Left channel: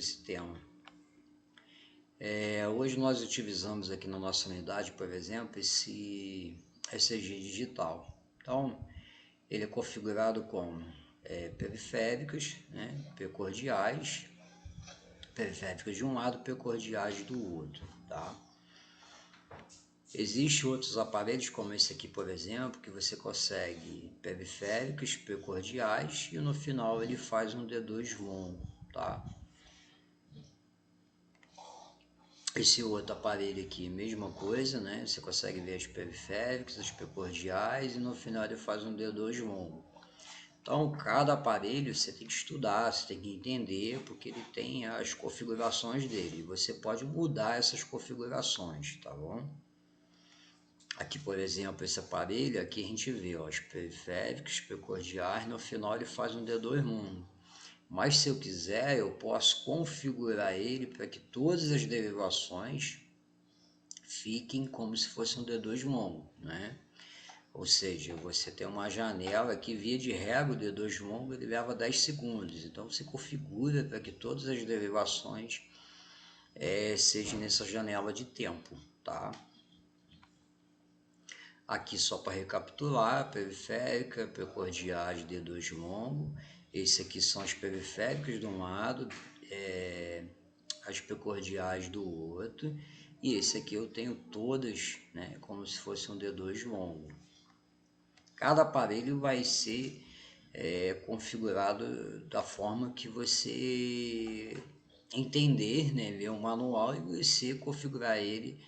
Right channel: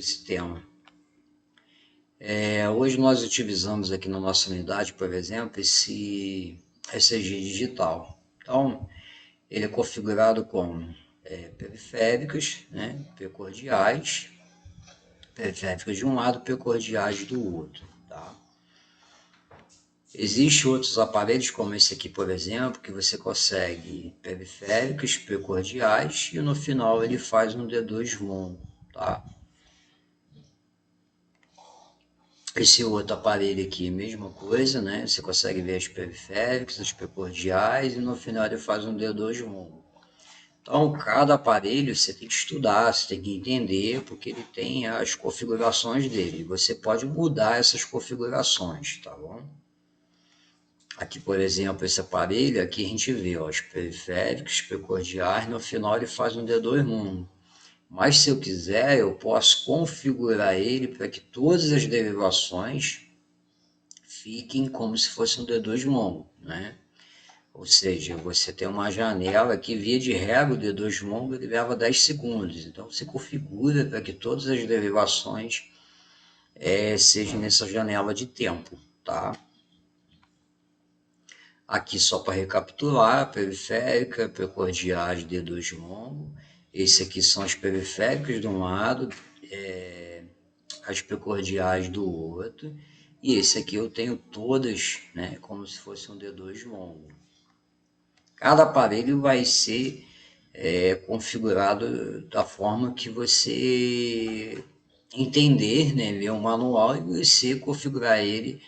esse tema. Hoje nós utilizamos aqui na nossa unidade, por exemplo, esse ECG digital. Então, ele é configurado com periféricos, né, precordiais, periféricos de um lado, precordiais do outro, tá? Existem outros aparelhos, como esse aqui, por exemplo, que você consegue periféricos, precordiais, e no final ele faz um D2 longo, tá? Esse outro aparelho aqui, mesma coisa, né? Você consegue ver as periféricas, as precordiais, e no final ele faz um D2 longo. Então, cada aparelho você tem que estudar, você tem que entender, porque ele tem as configurações dele. Você pode mudar essas configurações, tá bom? Aqui, por exemplo, esse aparelho, aqui a gente vê ó, os periféricos, precordiais, no final ele faz um D2 longo. Mas se eu quiser, eu posso configurar ele para que todas as derivações fiquem como se fosse um D2 longo, né? Ou seja, você tem uma janela que, via de regra, o D2 longo ele leva 10 segundos. Então, você configura para que todas as derivações sejam nessa janela de tempo, tá? Aqui, só para recapitular, periférica, precordiais, D2 longo. Esse aqui são as periféricas de um lado, as precordiais do outro. E esse aqui eu tenho todas, né, como se fosse um D2 longo. Cada aparelho vai ser configurado da forma que você entender, né, ler o manual e você configurar ele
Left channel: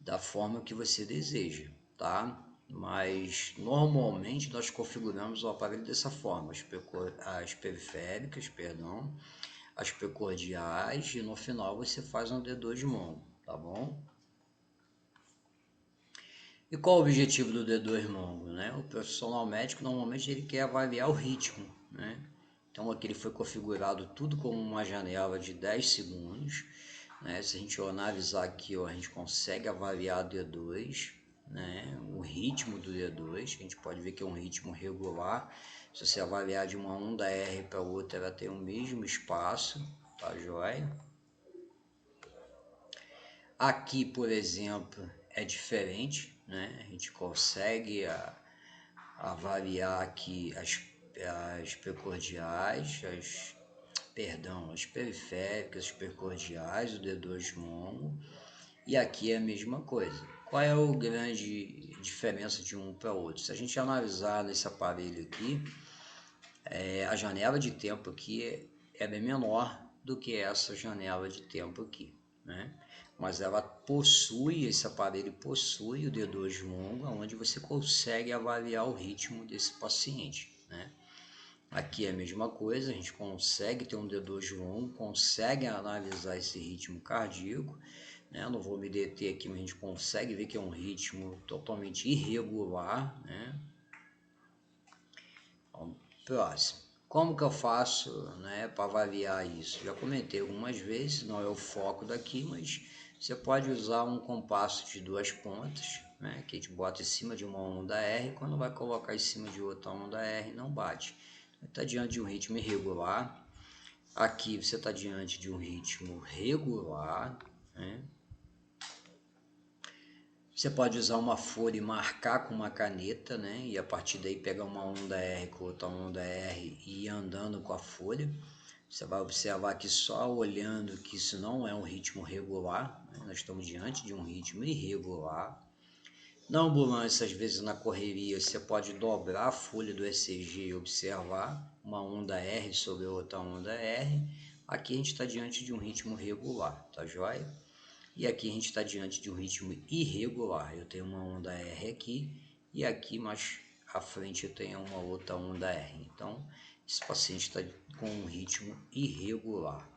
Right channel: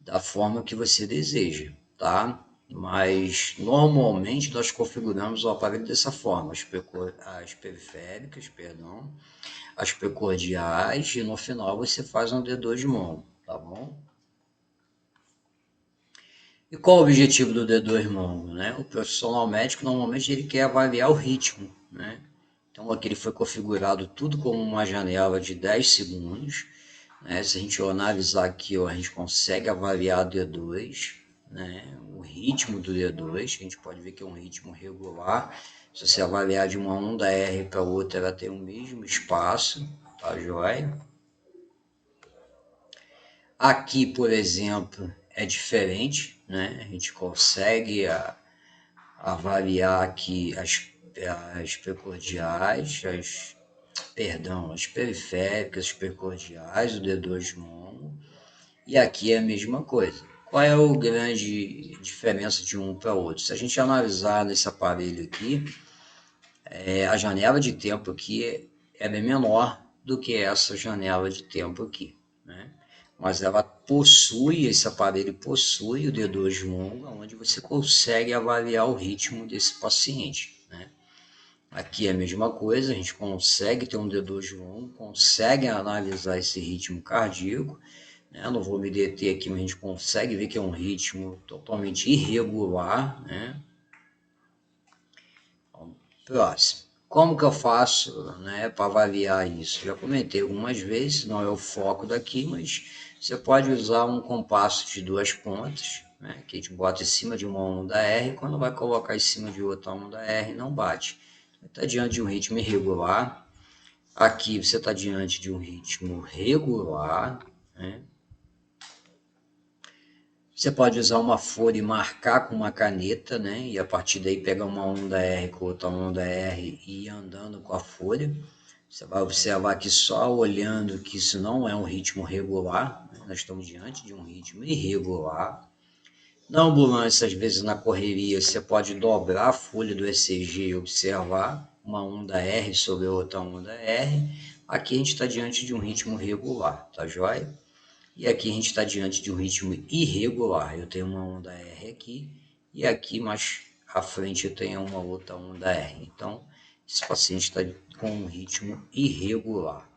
da forma que você deseja, tá? Mas normalmente nós configuramos o aparelho dessa forma, as periféricas, perdão, as precordiais, e no final você faz um D2 longo, tá bom? E qual o objetivo do D2 longo, né? O profissional médico normalmente ele quer avaliar o ritmo, né? Então aqui ele foi configurado tudo como uma janela de 10 segundos, né? Se a gente analisar aqui, ó, a gente consegue avaliar o D2, né? O ritmo do D2, a gente pode ver que é um ritmo regular. Se você avaliar de uma onda R para outra, ela tem o mesmo espaço, tá joia? Aqui, por exemplo, é diferente, né? A gente consegue avaliar aqui as precordiais, as periféricas, as precordiais, o D2 longo, e aqui é a mesma coisa. Qual é a grande diferença de um para o outro? Se a gente analisar nesse aparelho aqui, a janela de tempo aqui é menor do que essa janela de tempo aqui, né? Mas ela possui, esse aparelho possui o D2 longo, onde você consegue avaliar o ritmo desse paciente, né? Aqui é a mesma coisa, a gente consegue ter um D2 longo, consegue analisar esse ritmo cardíaco, né? Não vou me deter aqui, mas a gente consegue ver que é um ritmo totalmente irregular, né? Então, próximo. Como que eu faço, né, para avaliar isso? Já comentei algumas vezes, não é o foco daqui, mas você pode usar um compasso de duas pontas, né, que a gente bota em cima de uma onda R, quando vai colocar em cima de outra onda R, não bate. Está diante de um ritmo irregular. Aqui você está diante de um ritmo regular, né? Você pode usar uma folha e marcar com uma caneta, né? E a partir daí pegar uma onda R com outra onda R e ir andando com a folha. Você vai observar que só olhando que isso não é um ritmo regular, né? Nós estamos diante de um ritmo irregular. Na ambulância, às vezes na correria, você pode dobrar a folha do ECG e observar uma onda R sobre outra onda R. Aqui a gente está diante de um ritmo regular, tá joia? E aqui a gente está diante de um ritmo irregular. Eu tenho uma onda R aqui e aqui mais à frente eu tenho uma outra onda R. Então, esse paciente está com um ritmo irregular.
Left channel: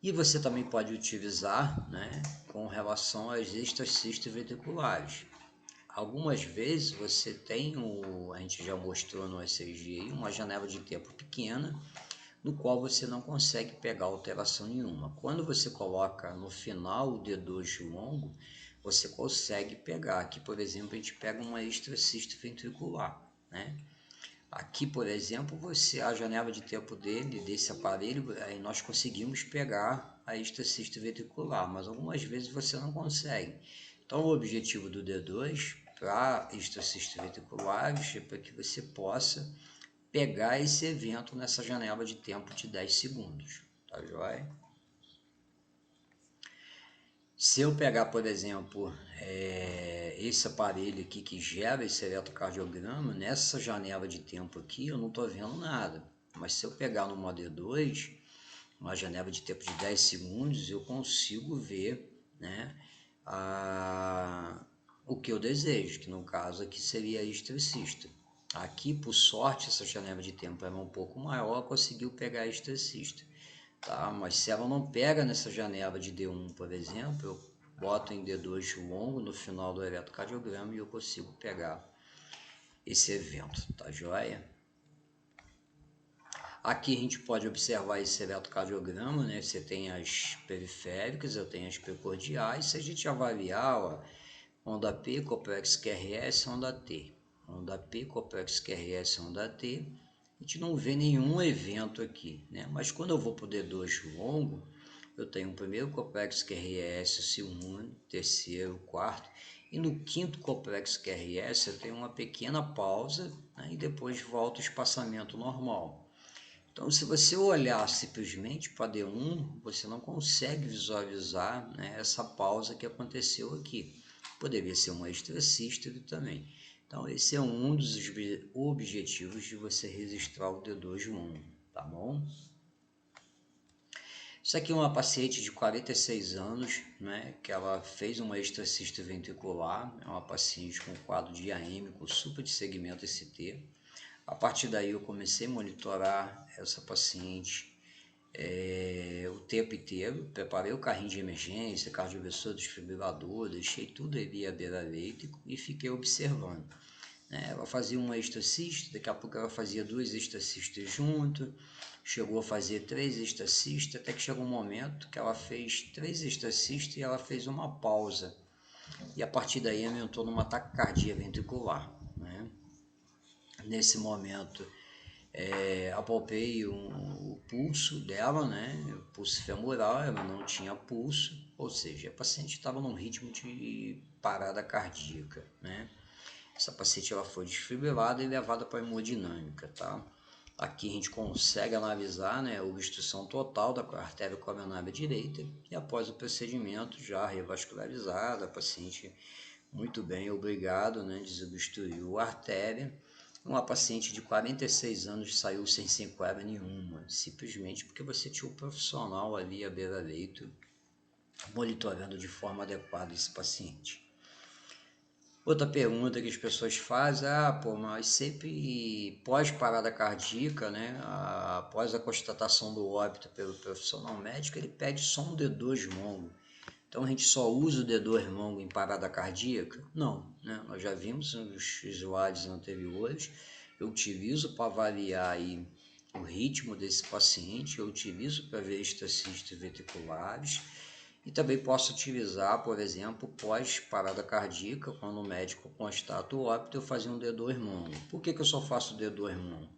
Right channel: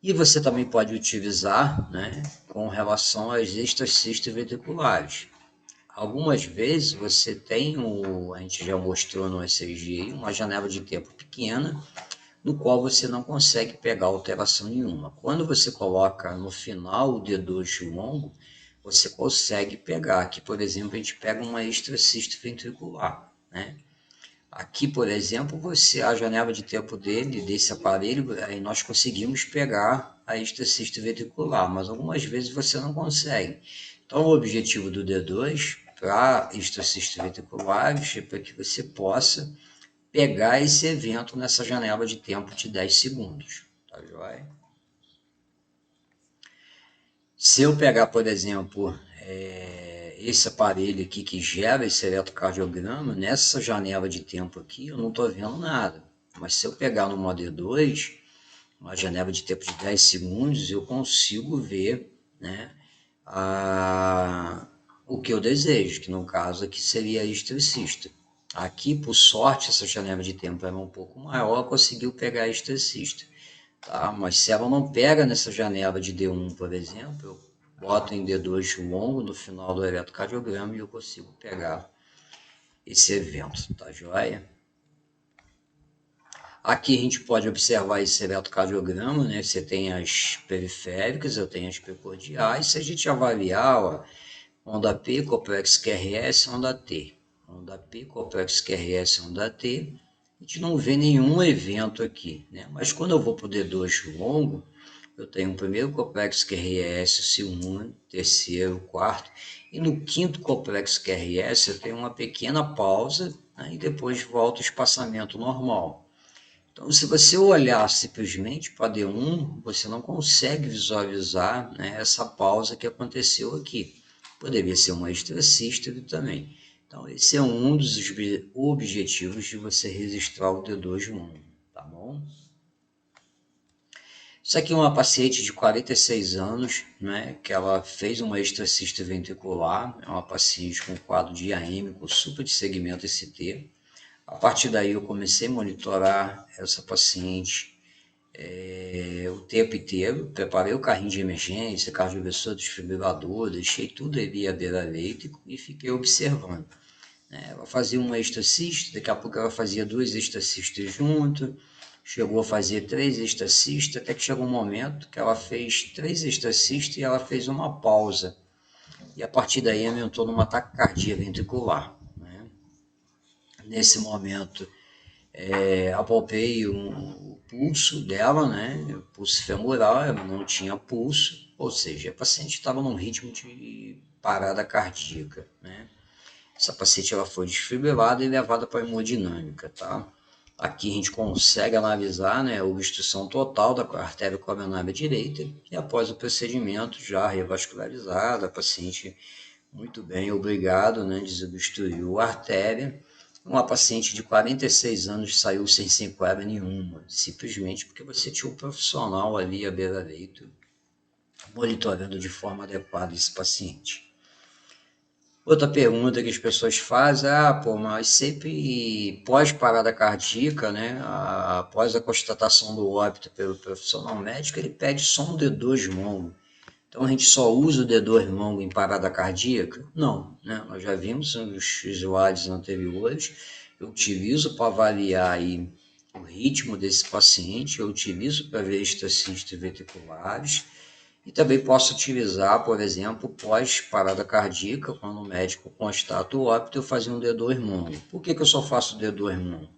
E você também pode utilizar, né, com relação às extracistas ventriculares. Algumas vezes você tem, a gente já mostrou no ECG, uma janela de tempo pequena, no qual você não consegue pegar alteração nenhuma. Quando você coloca no final o D2 longo, você consegue pegar. Aqui, por exemplo, a gente pega uma extracista ventricular, né? Aqui, por exemplo, a janela de tempo desse aparelho, aí nós conseguimos pegar a esteticista ventricular, mas algumas vezes você não consegue. Então, o objetivo do D2 para esteticista ventriculares é para que você possa pegar esse evento nessa janela de tempo de 10 segundos, tá joia? Se eu pegar, por exemplo, esse aparelho aqui que gera esse eletrocardiograma, nessa janela de tempo aqui eu não estou vendo nada. Mas se eu pegar no modo E2, uma janela de tempo de 10 segundos, eu consigo ver, né, o que eu desejo, que no caso aqui seria esteticista. Aqui, por sorte, essa janela de tempo era um pouco maior, conseguiu pegar a esteticista. Tá? Mas se ela não pega nessa janela de D1, por exemplo, eu boto em D2 longo no final do eletrocardiograma e eu consigo pegar esse evento, tá joia? Aqui a gente pode observar esse eletrocardiograma, né? Você tem as periféricas, eu tenho as precordiais. Se a gente avaliar, ó, onda P, complexo QRS, onda T. Onda P, complexo QRS, onda T. A gente não vê nenhum evento aqui, né? Mas quando eu vou para o D2 longo, eu tenho o primeiro complexo QRS, o segundo, terceiro, quarto, e no quinto complexo QRS eu tenho uma pequena pausa, né? E depois volta o espaçamento normal. Então, se você olhar simplesmente para D1, você não consegue visualizar, né, essa pausa que aconteceu aqui. Poderia ser uma extracístole também. Então, esse é um dos objetivos de você registrar o D2 longo, tá bom? Isso aqui é uma paciente de 46 anos, né, que ela fez uma extracístole ventricular, é uma paciente com quadro diaêmico, super de segmento ST. A partir daí eu comecei a monitorar essa paciente o tempo inteiro, preparei o carrinho de emergência, cardioversor, desfibrilador, deixei tudo ali à beira-leito e fiquei observando. Ela fazia uma extracista, daqui a pouco ela fazia 2 extracistas junto, chegou a fazer 3 extracistas, até que chegou um momento que ela fez 3 extracistas e ela fez uma pausa. E a partir daí aumentou numa taquicardia ventricular. Nesse momento, apalpei o pulso dela, né? O pulso femoral, ela não tinha pulso, ou seja, a paciente estava num ritmo de parada cardíaca, né? Essa paciente ela foi desfibrilada e levada para a hemodinâmica, tá? Aqui a gente consegue analisar, né, a obstrução total da artéria coronária direita e após o procedimento já revascularizada, a paciente muito bem, obrigado, né, desobstruiu a artéria. Uma paciente de 46 anos saiu sem sequela nenhuma, simplesmente porque você tinha um profissional ali à beira-leito monitorando de forma adequada esse paciente. Outra pergunta que as pessoas fazem, mas sempre pós-parada cardíaca, né, após a constatação do óbito pelo profissional médico, ele pede só um D2 longo. Então a gente só usa o D2 longo em parada cardíaca? Não, né? Nós já vimos nos slides anteriores, eu utilizo para avaliar aí o ritmo desse paciente, eu utilizo para ver estacistas ventriculares e também posso utilizar, por exemplo, pós-parada cardíaca, quando o médico constata o óbito, eu fazer um D2 longo. Por que eu só faço D2 longo?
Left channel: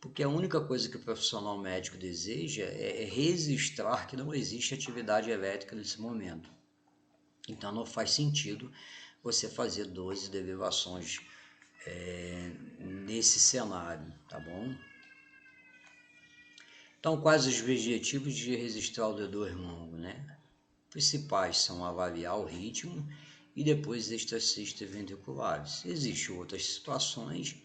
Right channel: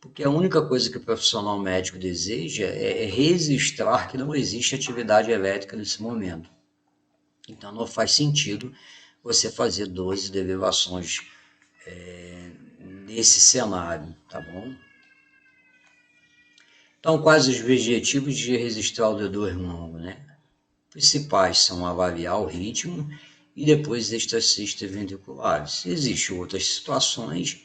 Porque a única coisa que o profissional médico deseja é registrar que não existe atividade elétrica nesse momento. Então não faz sentido você fazer 12 derivações nesse cenário, tá bom? Então, quais os objetivos de registrar o D2 longo, né? Principais são avaliar o ritmo e depois extracistas ventriculares. Existem outras situações,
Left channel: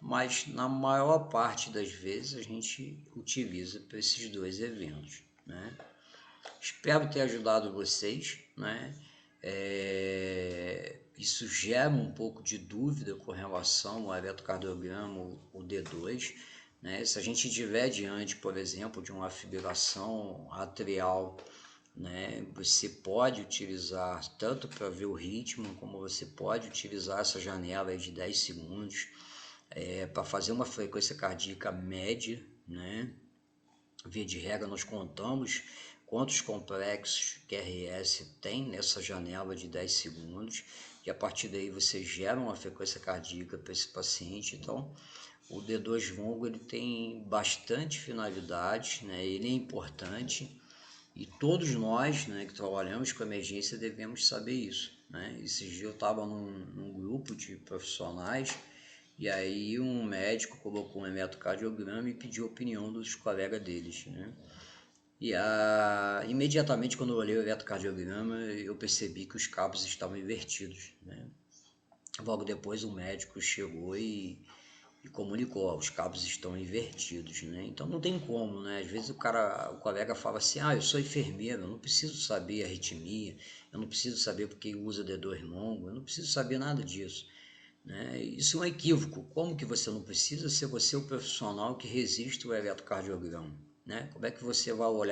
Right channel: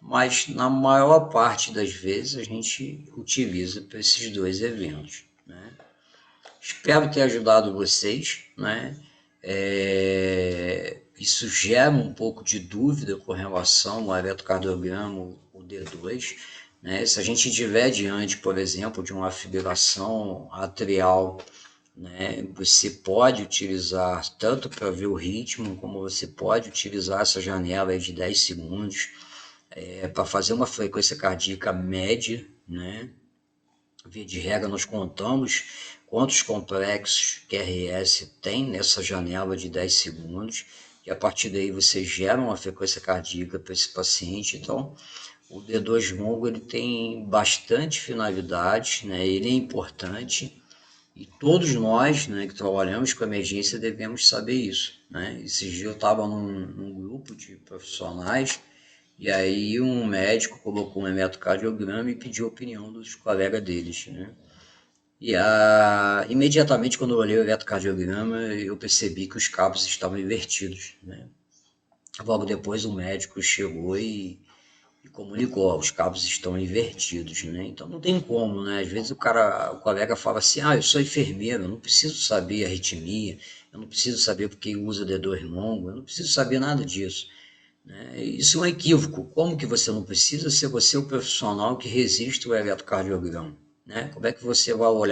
mas na maior parte das vezes a gente utiliza para esses dois eventos, né? Espero ter ajudado vocês, né? Isso gera um pouco de dúvida com relação ao eletrocardiograma, o D2, né? Se a gente estiver diante, por exemplo, de uma fibrilação atrial, né, você pode utilizar tanto para ver o ritmo, como você pode utilizar essa janela de 10 segundos para fazer uma frequência cardíaca média, né? Via de regra, nós contamos quantos complexos QRS tem nessa janela de 10 segundos, e a partir daí você gera uma frequência cardíaca para esse paciente. Então, O D2 longo ele tem bastante finalidades, né? Ele é importante e todos nós, né, que trabalhamos com emergência devemos saber isso, né? Esses dias eu estava num grupo de profissionais e aí um médico colocou um eletrocardiograma e pediu a opinião dos colegas deles, né? Imediatamente quando eu olhei o eletrocardiograma eu percebi que os cabos estavam invertidos, né? Logo depois o médico chegou e comunicou, os cabos estão invertidos, né? Então não tem como, né? Às vezes o colega fala assim, eu sou enfermeiro, eu não preciso saber arritmia, eu não preciso saber porque usa D2 longo, eu não preciso saber nada disso, né? Isso é um equívoco. Como que você não precisa se você é o profissional que resiste ao eletrocardiograma, né? Como é que você vai olhar